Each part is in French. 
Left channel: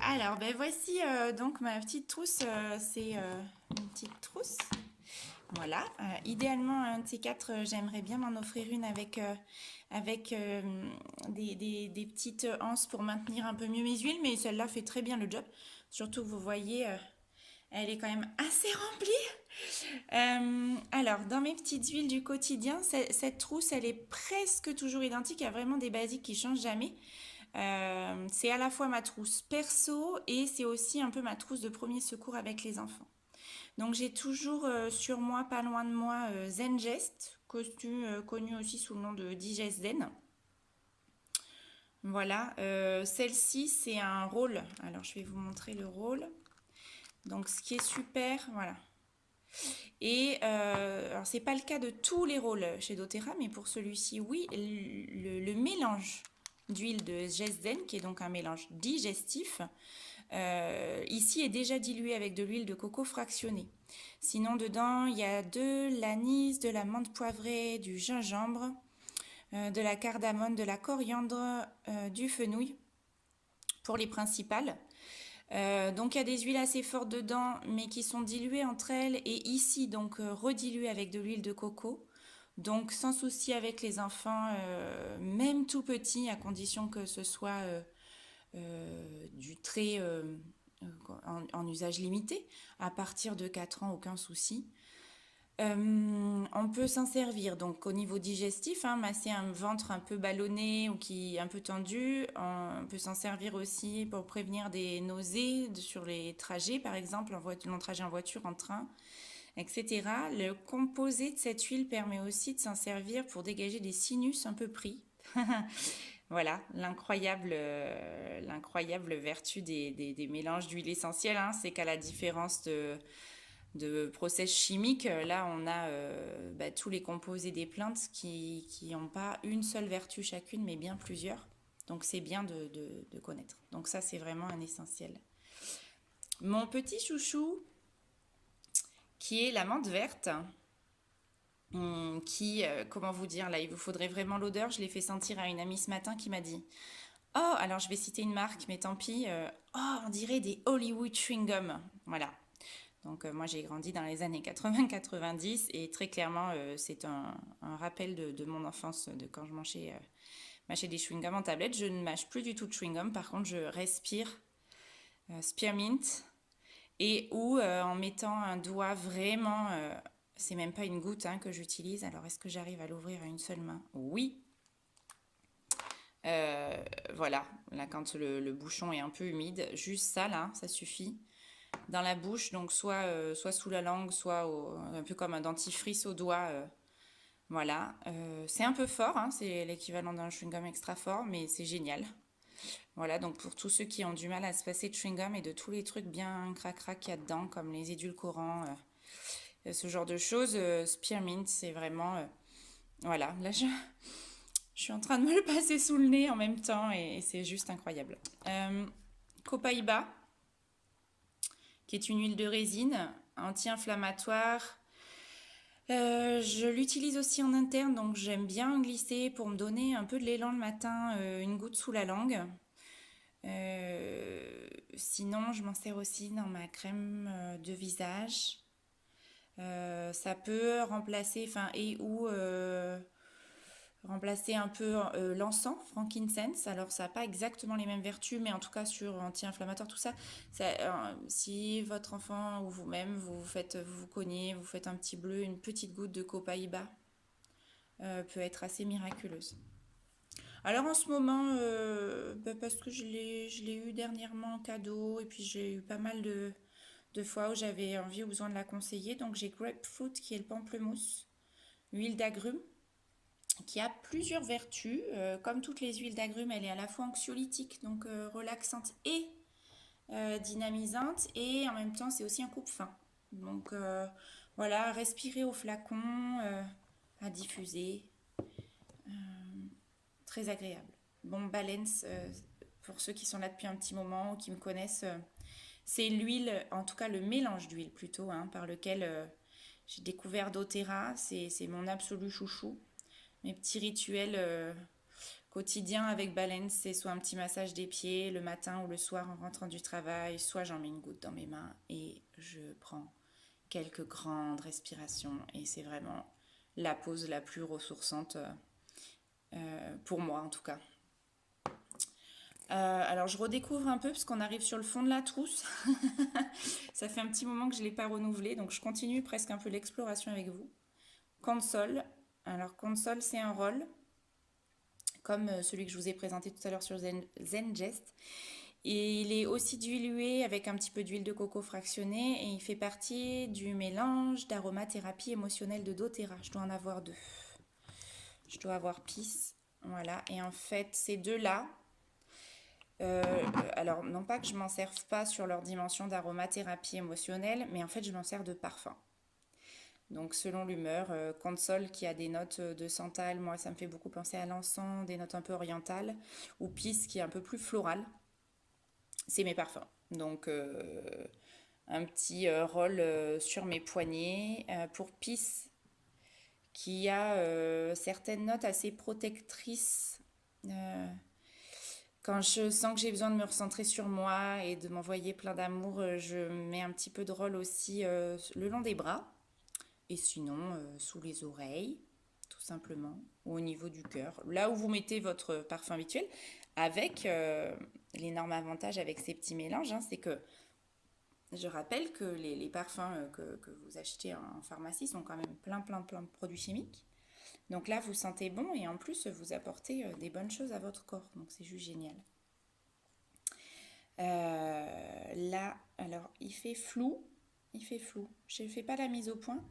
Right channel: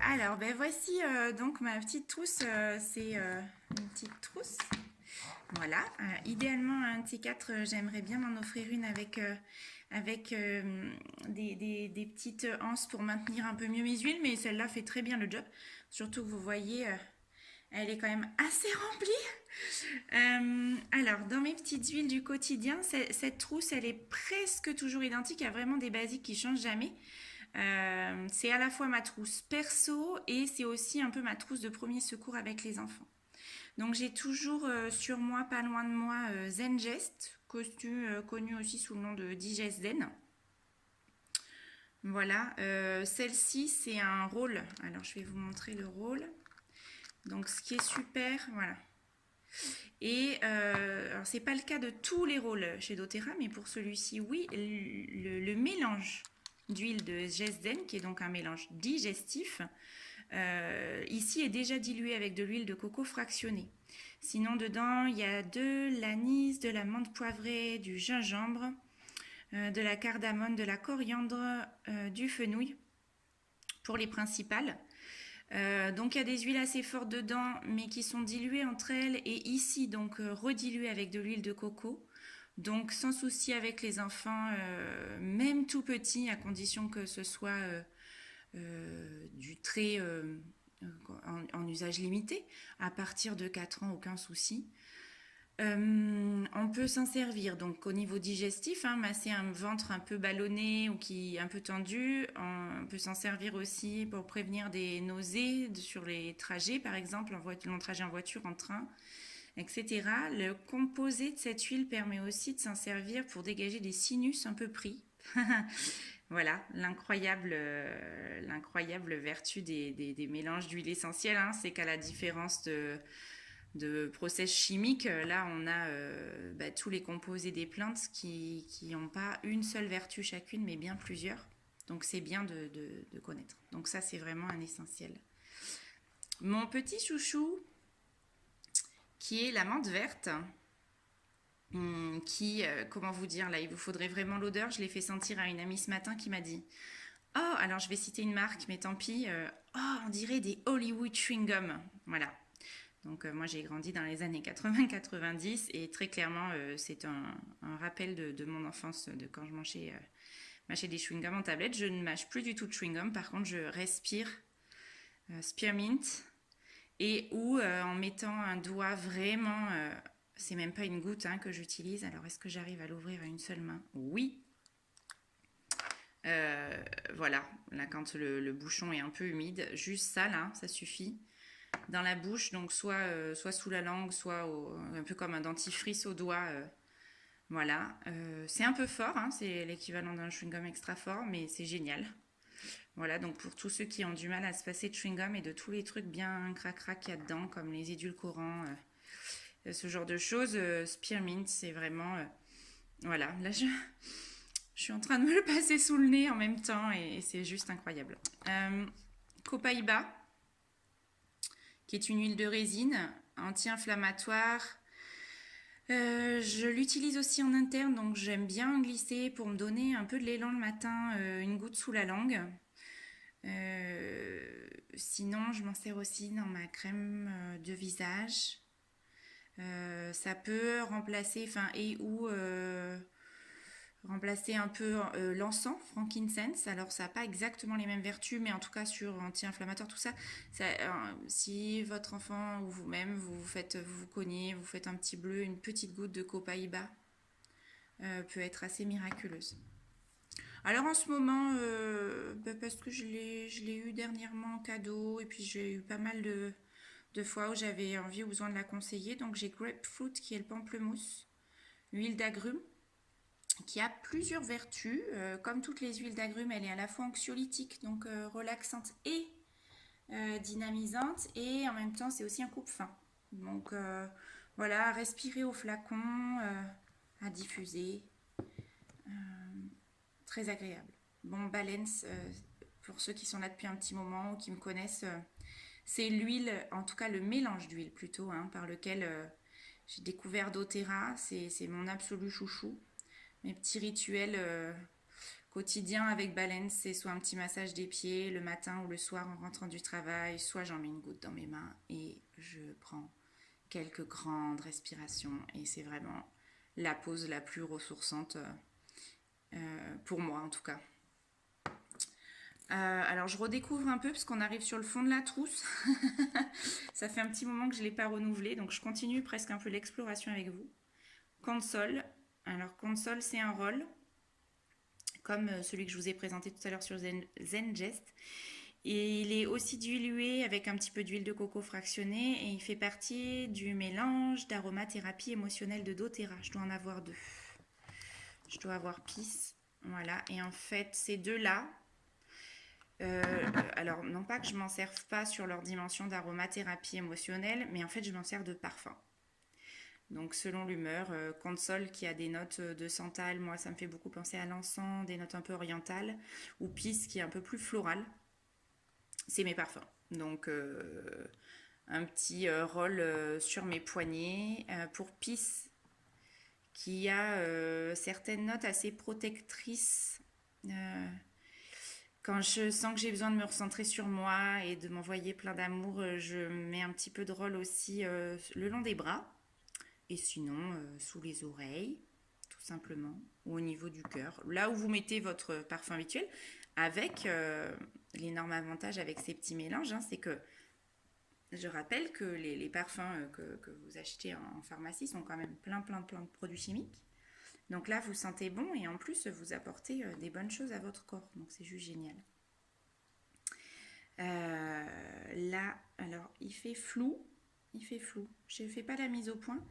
Alors, ben voici donc ma petite trousse. C'est une petite trousse. Voilà. Idéalement, un de ces quatre, j'aimerais bien m'en offrir une avec des petites anses pour maintenir un peu mieux mes huiles, mais celle-là fait très bien le job. Surtout, vous voyez, elle est quand même assez remplie. Alors, dans mes petites huiles du quotidien, cette trousse, elle est presque toujours identique. Il y a vraiment des basiques qui changent jamais. C'est à la fois ma trousse perso et c'est aussi un peu ma trousse de premier secours avec les enfants. Donc j'ai toujours sur moi, pas loin de moi, Zengest, connu aussi sous le nom de Digest Zen. Voilà, celle-ci c'est un rôle. Alors je vais vous montrer le rôle. Donc ce qui est super, voilà. Et alors c'est pas le cas de tous les rôles chez doTERRA, mais pour celui-ci oui, le mélange d'huile de Zen, qui est donc un mélange digestif, ici est déjà dilué avec de l'huile de coco fractionnée. Sinon dedans il y a de l'anis, de la menthe poivrée, du gingembre, de la cardamome, de la coriandre, du fenouil pour les principales. Donc il y a des huiles assez fortes dedans, mais qui sont diluées entre elles, et ici donc rediluées avec de l'huile de coco. Donc sans souci avec les enfants, même tout petits, à condition que ce soit du trait en usage limité. À partir de 4 ans, aucun souci. On peut s'en servir donc au niveau digestif, hein, masser un ventre un peu ballonné ou qui est un peu tendu. On peut s'en servir aussi pour prévenir des nausées sur les trajets, par exemple, long trajet en voiture, en train, etc. Le composé de cette huile permet aussi de s'en servir pour dégager des sinus un peu pris. Voilà, l'incroyable vertu des mélanges d'huile essentielle, hein, c'est qu'à la différence de process chimiques, là on a tous les composés des plantes qui n'ont pas une seule vertu chacune, mais bien plusieurs. Donc c'est bien de connaître. Donc ça c'est vraiment un essentiel. Mon petit chouchou, qui est la menthe verte, qui, comment vous dire, là il vous faudrait vraiment l'odeur. Je l'ai fait sentir à une amie ce matin qui m'a dit: oh, alors je vais citer une marque, mais tant pis, oh, on dirait des Hollywood chewing gum. Voilà. Donc moi j'ai grandi dans les années 80-90 et très clairement c'est un rappel de mon enfance, de quand je mâchais des chewing-gums en tablette. Je ne mâche plus du tout de chewing-gum, par contre je respire spearmint, et ou en mettant un doigt vraiment, c'est même pas une goutte, hein, que j'utilise. Alors est-ce que j'arrive à l'ouvrir à une seule main? Oui. Voilà, là quand le bouchon est un peu humide, juste ça là, ça suffit. Dans la bouche, donc soit sous la langue, soit un peu comme un dentifrice au doigt. Voilà, c'est un peu fort, hein, c'est l'équivalent d'un chewing-gum extra fort, mais c'est génial. Voilà, donc pour tous ceux qui ont du mal à se passer de chewing-gum et de tous les trucs bien crac-crac qu'il y a dedans, comme les édulcorants, ce genre de choses, Spearmint, c'est vraiment... voilà, là je suis en train de me le passer sous le nez en même temps et c'est juste incroyable. Copaiba, qui est une huile de résine anti-inflammatoire. Je l'utilise aussi en interne, donc j'aime bien glisser pour me donner un peu de l'élan le matin, une goutte sous la langue. Sinon, je m'en sers aussi dans ma crème de visage. Ça peut remplacer, enfin, et ou remplacer un peu l'encens, frankincense. Alors ça n'a pas exactement les mêmes vertus, mais en tout cas sur anti-inflammatoire, tout ça, si votre enfant ou vous-même vous cognez, vous faites un petit bleu, une petite goutte de copaiba peut être assez miraculeuse. Alors en ce moment, parce que je l'ai eu dernièrement en cadeau, et puis j'ai eu pas mal de fois où j'avais envie ou besoin de la conseiller, donc j'ai Grapefruit, qui est le pamplemousse, huile d'agrumes, qui a plusieurs vertus. Comme toutes les huiles d'agrumes, elle est à la fois anxiolytique, donc relaxante et dynamisante, et en même temps c'est aussi un coupe-faim. Donc voilà, à respirer au flacon, à diffuser, très agréable. Bon, Balance, pour ceux qui sont là depuis un petit moment ou qui me connaissent, c'est l'huile, en tout cas le mélange d'huile plutôt, hein, par lequel j'ai découvert doTERRA. C'est mon absolu chouchou. Mes petits rituels quotidien avec Balance, c'est soit un petit massage des pieds le matin ou le soir en rentrant du travail, soit j'en mets une goutte dans mes mains et je prends quelques grandes respirations. Et c'est vraiment la pause la plus ressourçante pour moi en tout cas. Alors je redécouvre un peu parce qu'on arrive sur le fond de la trousse. Ça fait un petit moment que je ne l'ai pas renouvelé, donc je continue presque un peu l'exploration avec vous. Console. Alors Console, c'est un roll comme celui que je vous ai présenté tout à l'heure sur Zengest. Et il est aussi dilué avec un petit peu d'huile de coco fractionnée et il fait partie du mélange d'aromathérapie émotionnelle de doTERRA. Je dois en avoir 2. Je dois avoir Peace. Voilà. Et en fait, ces deux-là, alors non pas que je m'en serve pas sur leur dimension d'aromathérapie émotionnelle, mais en fait je m'en sers de parfum. Donc selon l'humeur, Console qui a des notes de santal, moi ça me fait beaucoup penser à l'encens, des notes un peu orientales, ou Peace qui est un peu plus floral, c'est mes parfums. Donc un petit roll sur mes poignets. Pour Peace qui a certaines notes assez protectrices. Quand je sens que j'ai besoin de me recentrer sur moi et de m'envoyer plein d'amour, je mets un petit peu de roll aussi le long des bras. Et sinon, sous les oreilles, tout simplement, ou au niveau du cœur. Là où vous mettez votre parfum habituel, avec l'énorme avantage avec ces petits mélanges, hein, c'est que je rappelle que les parfums que vous achetez en pharmacie sont quand même plein de produits chimiques. Donc là, vous sentez bon et en plus, vous apportez des bonnes choses à votre corps. Donc c'est juste génial. Là, alors, il fait flou. Je ne fais pas la mise au point.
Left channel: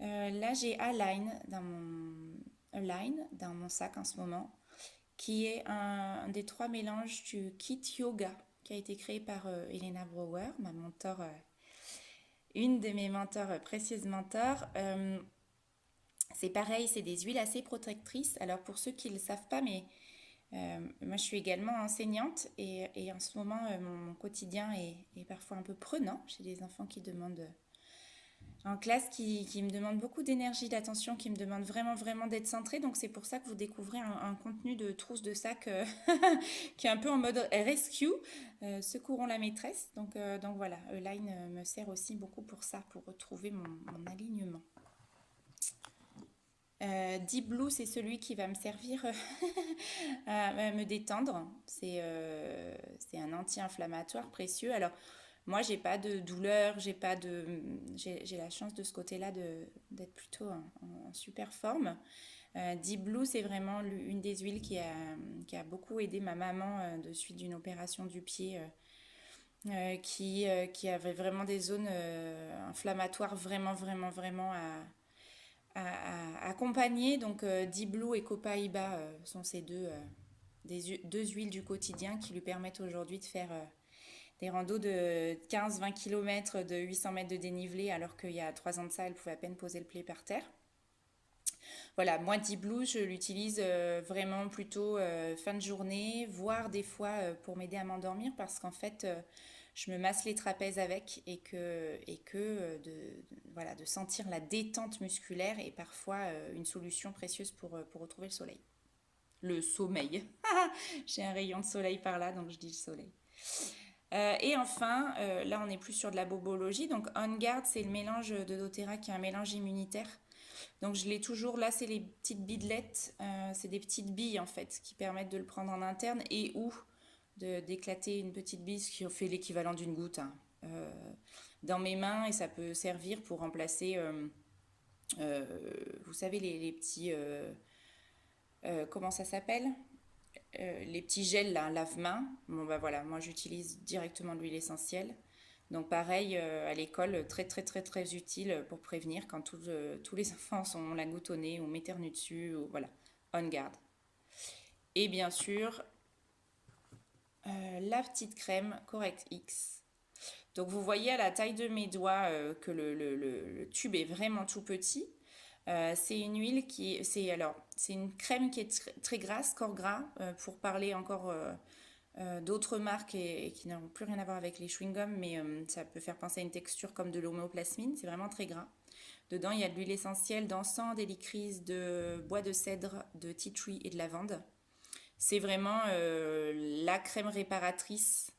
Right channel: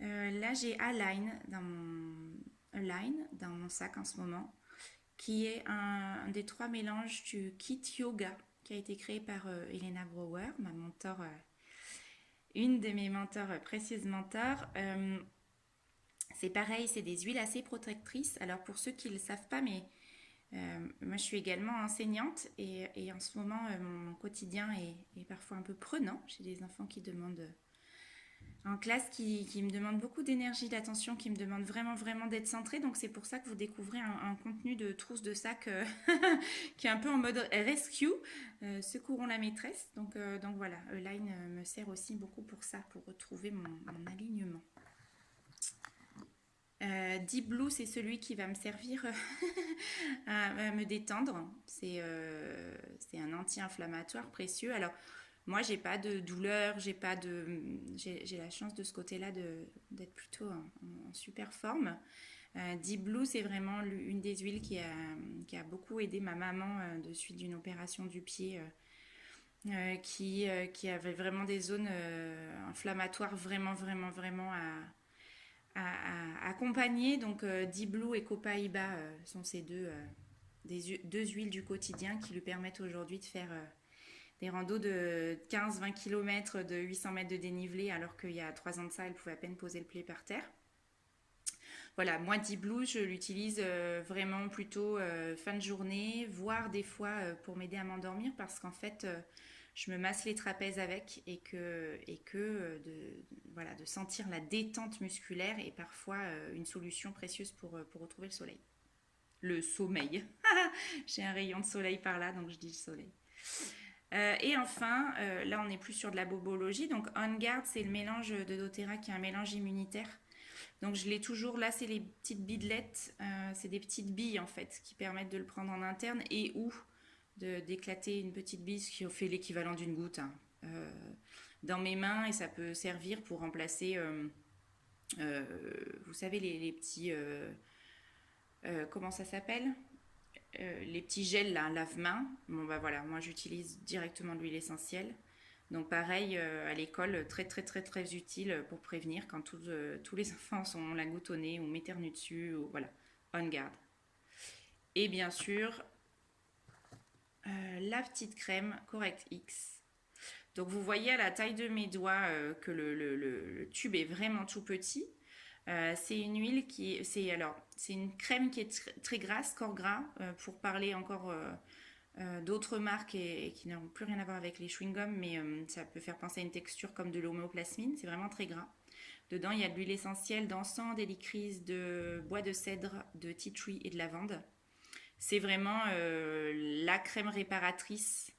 Là, j'ai Align dans mon sac en ce moment, qui est un des 3 mélanges du kit yoga qui a été créé par Elena Brower, ma mentor, une de mes mentors, précieuses mentors. C'est pareil, c'est des huiles assez protectrices. Alors pour ceux qui ne le savent pas, mais moi je suis également enseignante et en ce moment mon quotidien est parfois un peu prenant. J'ai des enfants qui demandent en classe qui me demandent beaucoup d'énergie, d'attention, qui me demandent vraiment d'être centrée. Donc c'est pour ça que vous découvrez un contenu de trousse de sac qui est un peu en mode rescue, secourons la maîtresse. Donc voilà, Align me sert aussi beaucoup pour ça, pour retrouver mon alignement. Deep Blue, c'est celui qui va me servir à me détendre. C'est un anti-inflammatoire précieux. Alors, moi, j'ai pas de douleur, j'ai la chance de ce côté-là d'être plutôt en super forme. Deep Blue, c'est vraiment une des huiles qui a beaucoup aidé ma maman de suite d'une opération du pied qui avait vraiment des zones inflammatoires vraiment à accompagner. Donc Deep Blue et Copaiba sont ces deux huiles du quotidien qui lui permettent aujourd'hui de faire des randos de 15-20 km de 800 mètres de dénivelé, alors qu'il y a 3 ans de ça, elle pouvait à peine poser le pied par terre. Voilà, moi Deep Blue, je l'utilise vraiment plutôt fin de journée, voire des fois pour m'aider à m'endormir, parce qu'en fait, je me masse les trapèzes avec et que de sentir la détente musculaire est parfois une solution précieuse pour retrouver le soleil. Le sommeil. J'ai un rayon de soleil par là, donc je dis le soleil. Et enfin, là on est plus sur de la bobologie. Donc On Guard, c'est le mélange de doTERRA qui est un mélange immunitaire. Donc je l'ai toujours, là c'est les petites bidelettes, c'est des petites billes en fait qui permettent de le prendre en interne et ou d'éclater une petite bille, ce qui fait l'équivalent d'une goutte dans mes mains, et ça peut servir pour remplacer, vous savez les petits, comment ça s'appelle, les petits gels là, lave-mains. Bon bah voilà, moi j'utilise directement de l'huile essentielle. Donc pareil, à l'école, très utile pour prévenir quand tous les enfants ont la goutte au nez ou m'éternuent dessus, ou voilà, On Guard. Et bien sûr, la petite crème Correct X. Donc vous voyez à la taille de mes doigts que le tube est vraiment tout petit. C'est une huile c'est une crème qui est très grasse, corps gras, pour parler encore d'autres marques et qui n'ont plus rien à voir avec les chewing-gums, mais ça peut faire penser à une texture comme de l'homéoplasmine, c'est vraiment très gras. Dedans, il y a de l'huile essentielle d'encens, d'hélicryse, de bois de cèdre, de tea tree et de lavande. C'est vraiment la crème réparatrice.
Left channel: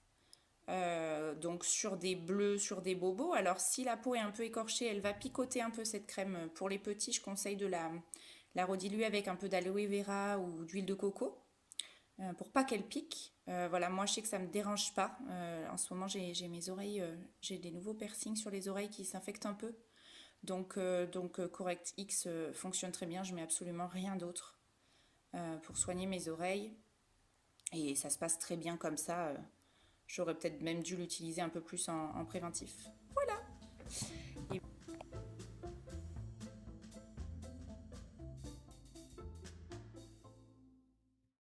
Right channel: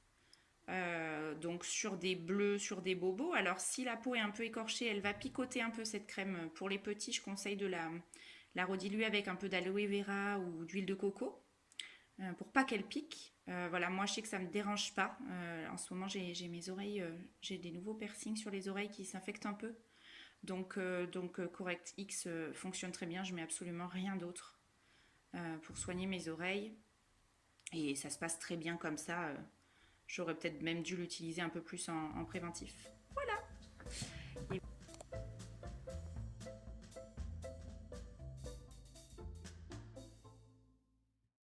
Donc sur des bleus, sur des bobos. Alors si la peau est un peu écorchée, elle va picoter un peu cette crème. Pour les petits, je conseille de la rediluer avec un peu d'aloe vera ou d'huile de coco pour pas qu'elle pique. Voilà, moi je sais que ça me dérange pas. En ce moment j'ai mes oreilles, j'ai des nouveaux piercings sur les oreilles qui s'infectent un peu. Donc Correct X fonctionne très bien. Je mets absolument rien d'autre pour soigner mes oreilles. Et ça se passe très bien comme ça. J'aurais peut-être même dû l'utiliser un peu plus en préventif. Voilà.